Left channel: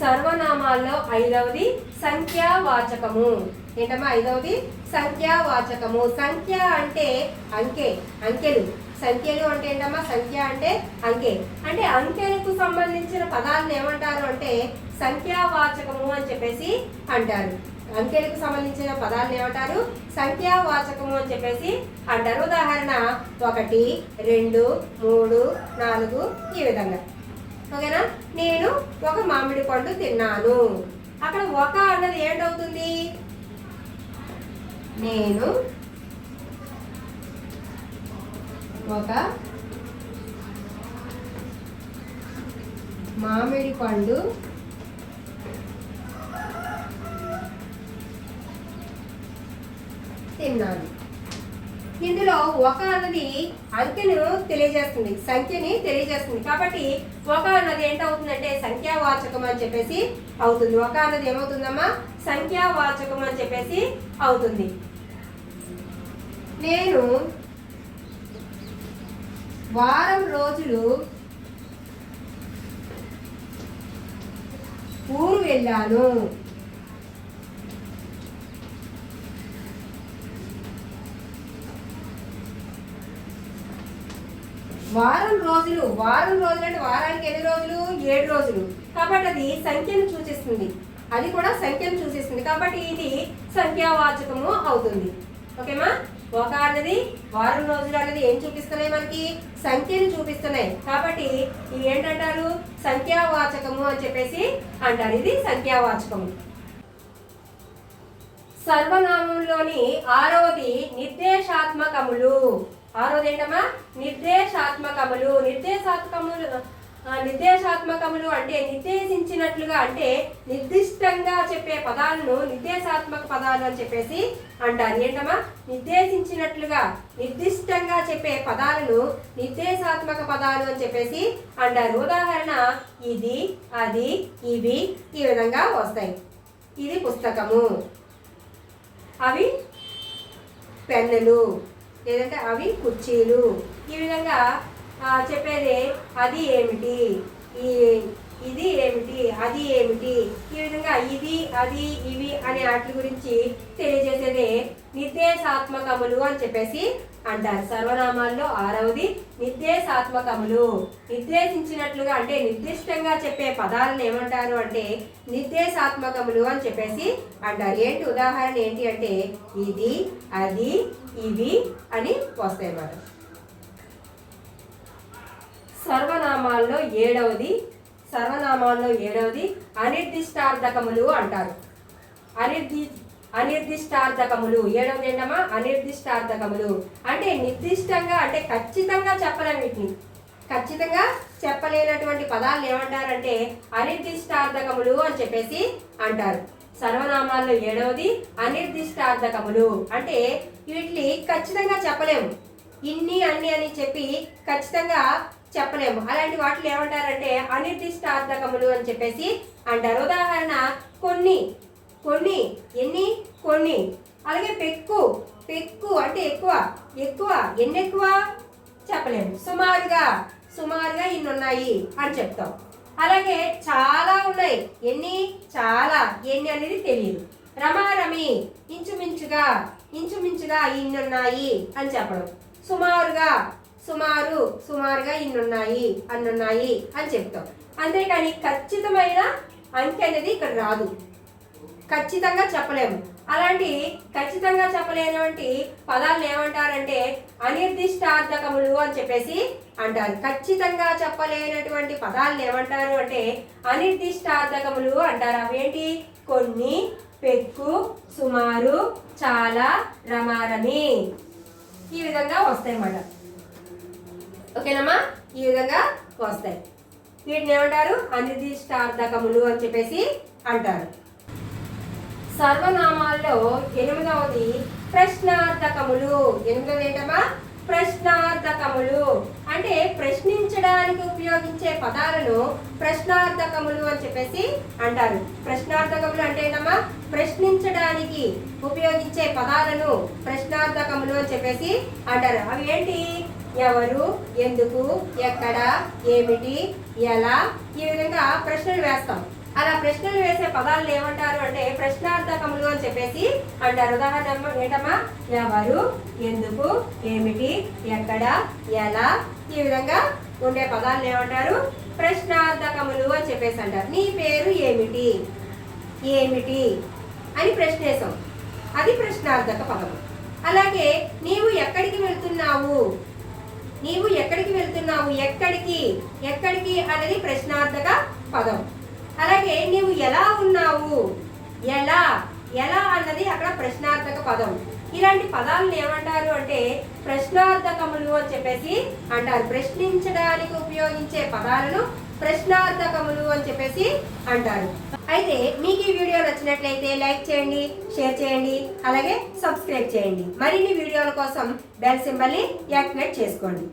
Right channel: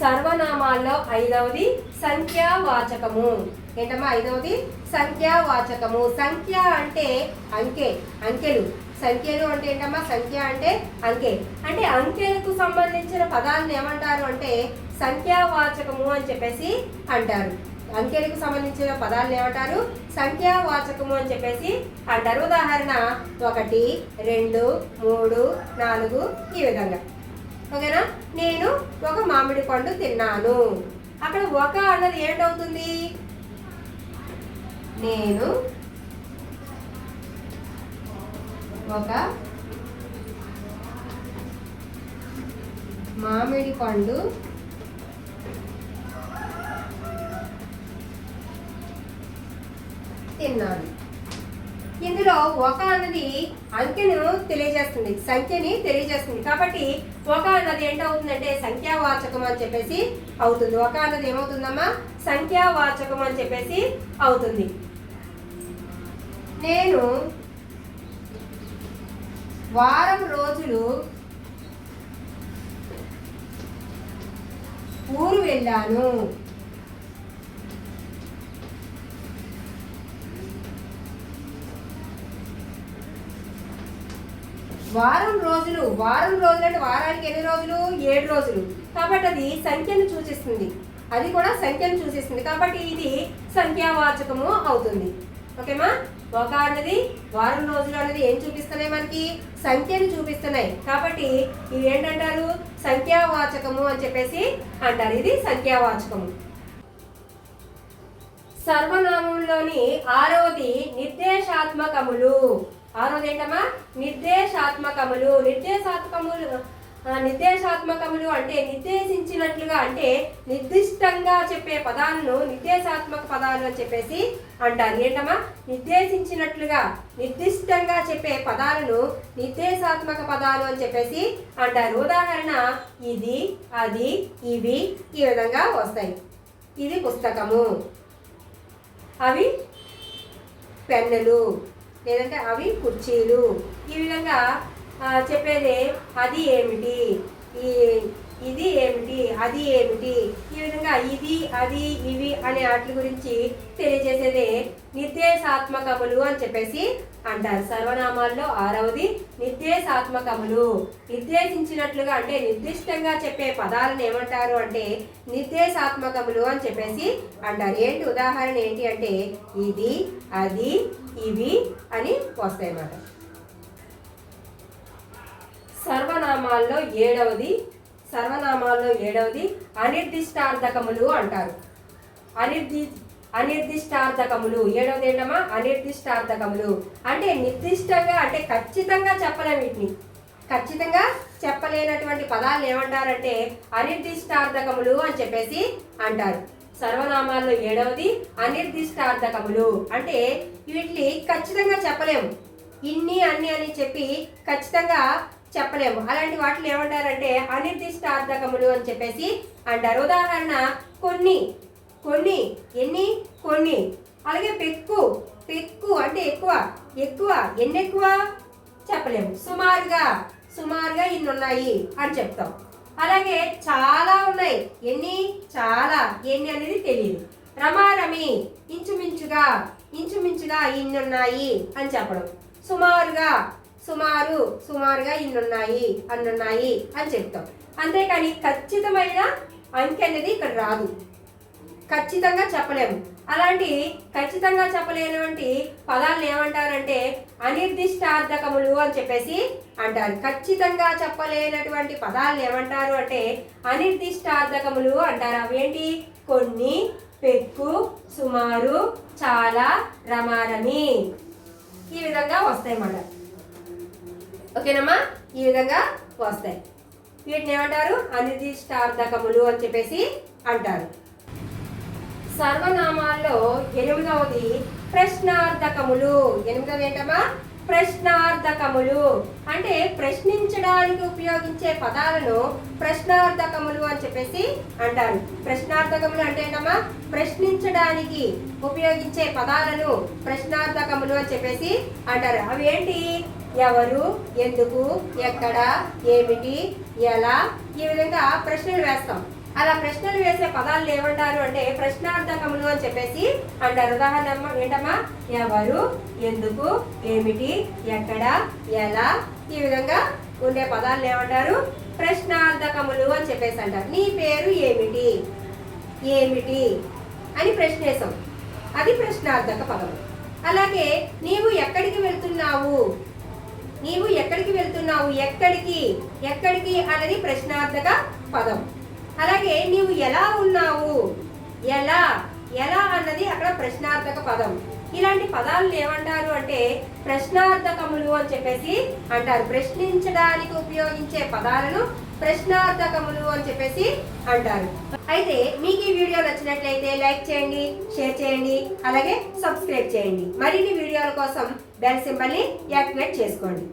సర్వనామాల్లో ఐదవది సంఖ్యావాచకము. ఏంటమ్మా ఐదవది? సంఖ్యావాచకము. సంఖ్య అంటే అంకె, అంకెలు. సంఖ్యలు అంటే ఏంటమ్మా? సంఖ్య అంటే అంకె. అంటే అంకెలకు సంబంధించిన పదాలను ఏమంటారు అంటే సంఖ్యావాచకము అని చెప్పేసి అంటారు. అంకెలకు సంబంధించిన పదాలను ఏమంటారు? సంఖ్యావాచకము అని చెప్పేసి అంటారు. ఉదాహరణ 1, 2, 3, 4 ఈ విధంగా. ఓకేనా? నేను ఒక మామిడి పండు తిన్నాను. అక్కడ ఒక అన్నది ఏంటవుతుంది? నేను ఒక మామిడి పండు తిన్నాను. ఇందులో ఒక అన్నది అంకెను తెలియజేస్తుంది, సంఖ్యని తెలియజేస్తుంది. కాబట్టి ఒక అన్నది ఏంటవుతుందంటే సంఖ్యావాచకం అని చెప్పేసి అవుతుంది. ఒక అన్నది ఏమవుతుందమ్మా? సంఖ్యావాచకం అని చెప్పేసి అవుతుంది. నేను వారం రోజులు ఊరు వెళ్ళాను. వారం రోజులు, వారం రోజులు అంటే వారానికి ఎన్ని రోజులు? 7 రోజులు. కాబట్టి అది సంఖ్యను సూచిస్తుంది, అది కూడా సంఖ్యను సూచిస్తుంది. కాబట్టి ఇది సంఖ్యావాచకము అవుతుంది. ఓకేమా? ఒక అన్నది వారం రోజులు అనేది ఏం చూపిస్తున్నాయి? మనకి సంఖ్యను చూపిస్తున్నాయి. కాబట్టి ఇవి ఏంటంటారు? సంఖ్యావాచకము అని చెప్పేసి అంటారు. ఇది సంఖ్యావాచకము. సర్వనామంలోని 6వది నిర్దేశాత్మకములు. 6వది ఏంటమ్మా? నిర్దేశాత్మకములు. నిర్దేశాత్మకములు అంటే నిర్దేశించినట్లుగా, అంటే నిర్దిష్టంగా చెప్పే పదాలను నిర్దేశాత్మక పదాలు అని చెప్పేసి అంటారు. ఏంటమ్మా? నిర్దేశించినట్లుగా, నిర్దిష్టంగా చెప్పే పదాలను నిర్దేశాత్మక పదాలు అని చెప్పేసి అంటారు. ఉదాహరణ ఇది, అది, ఇవి ఈ విధంగా వస్తాయి. ఇది పుస్తకము, అవి పెన్నులు, లేదంటే అవి కుర్చీలు. ఈ విధంగా చెప్పేది అది ఏమిటి, ఇది ఏమిటి, అది ఏమిటి. ఈ విధంగా ఇది, అది, ఇవి అనే వాటి గురించి తెలియజేసేదే నిర్దేశాత్మకములు అని చెప్పేసి అంటారు. సర్వనామాల్లో 6వది నిర్దేశాత్మకములు. నిర్దేశించినట్లుగా అంటే నిర్దిష్టంగా చెప్పే పదాలను ఏమంటారు అంటే నిర్దేశాత్మకములు అని చెప్పేసి అంటారు. ఏంటి ఉదాహరణ ఏంటి అంటే ఇది, అది, ఇవి అని వస్తాయి అన్నమాట. సర్వనామాల్లో 7వది అనిర్దిష్టార్థకములు అంటారు. అనిర్దిష్టార్థకములు 7వది ఏంటమ్మా? అనిర్దిష్టార్థకములు అంటే నిర్దిష్టంగా, అంటే ఖచ్చితంగా చెప్పలేము. వీటిని ఖచ్చితంగా చెప్పలేనటువంటి పదాలను ఏమంటారంటే అనిర్దిష్టార్థకములు అని చెప్పేసి అంటారు. సర్వనామాల్లో 7వది అనిర్దిష్టార్థకములు. అంటే వీటిని ఖచ్చితంగా చెప్పలేము, ఇన్ని అన్ని అని చెప్పి ఖచ్చితంగా చెప్పలేము. అలాంటి వాటిని ఏమంటారంటే అనిర్దిష్టార్థకములు అని చెప్పేసి అంటారు. ఉదాహరణ కొన్ని, కొన్ని, ఎన్ని, కొన్ని. అలాగే పెక్కు, పెక్కు అంటే ఎక్కువ, ఎక్కువ, ఎన్ని ఎక్కువ చెప్పలేము. సుమారుగా, సుమారుగా ఇన్ని ఉన్నాయి అని చెప్తాం. అలాగే చాలా ఉన్నాయి, ఎన్ని, చాలా, ఎన్ని అనేది తెలియదు. రమారమి, ఇంచుమించుగా, ఇంచుమించుగా ఇన్ని ఉన్నాయి అని చెప్పడం. సుమారుగా, సుమారు, సుమారుగా ఇన్నున్నాయి, అన్నున్నాయి అని చెప్తాం. అంతేకాని ఖచ్చితమైన అంకె అనేది ఇక్కడ రాదు, ఖచ్చితంగా చెప్పలేము. అలాంటి ఖచ్చితంగా చెప్పలేనటువంటి పదాలను ఏమంటారంటే అనిర్దిష్టార్థకములు అని చెప్పేసి అంటారు. ఖచ్చితంగా చెప్పలేనటువంటి పదాలను ఏమంటారు అంటే అనిర్దిష్టార్థకములు అంటారు. అవేంటి? కొన్ని, పెక్కు, సుమారు, చాలా, రమారమి ఈ విధంగా వస్తాయి అన్నమాట. ఓకేనమ్మా? ఈ విధంగా వస్తాయి. వీటిని ఏమంటారు? అనిర్దిష్టార్థకములు అని చెప్పేసి అంటారు. సర్వనామాల్లో 8వది ప్రశ్నార్థకములు. 8వది ఏంటమ్మా? ప్రశ్నార్థకములు. అంటే ప్రశ్నించడానికి ఉపయోగించే పదాలను ప్రశ్నార్థకములు అని చెప్పేసి అంటారు. ప్రశ్నార్థకములు అంటే ఏంటమ్మా? ప్రశ్నించడానికి ఉపయోగించే పదాలను ప్రశ్నార్థకములు అని చెప్పేసి అంటారు. అవి ఏంటి? ఎవరు, ఎందుకు, ఎక్కడ, ఏమిటి, ఎలా ఈ విధంగా ప్రశ్నలు వేస్తాం. అలా ప్రశ్నలు వేసే పదాలను ఏమంటారు అంటే ప్రశ్నార్థకములు అని చెప్పేసి అంటారు. ఉదాహరణ ఏంటమ్మా, ఎవరు, ఎందుకు, ఏమిటి, ఎక్కడ, ఎలా, ఈ విధంగా ఉండే పదాలను ఏమంటారు ప్రశ్నార్థకములు అని చెప్పేసి అంటారు. నీ పేరు ఏమిటి, ఏమిటి అని ప్రశ్న వేసాం, అది ప్రశ్నార్థక పదము. అలాగే నీవు ఎక్కడికి వెళ్తున్నావు, నీవు ఎక్కడికి వెళ్తున్నావు, ఎక్కడికి, ఎక్కడికి అనేది ప్రశ్నార్థక పదం. అలాగే నీవు ఎలా ఉన్నావు, ఎలా, ఎలా అన్నది అక్కడ ప్రశ్నార్థక పదం. ఇలాంటి పదాలను ఏమంటారు అంటే ప్రశ్నార్థకములు అని చెప్పేసి అంటారు. ప్రశ్నించడానికి ఉపయోగించే పదాలను ప్రశ్నార్థకములు అని చెప్పేసి అంటారు. అయితే మీకు ఈ వీడియో నచ్చినట్లయితే లైక్ చేయండి, షేర్ చేయండి, అలాగే సబ్స్క్రైబ్ చేయండి. మరిన్ని వీడియోల కోసం బెల్ సింబల్ ని యాక్టివేట్ చేసుకోండి.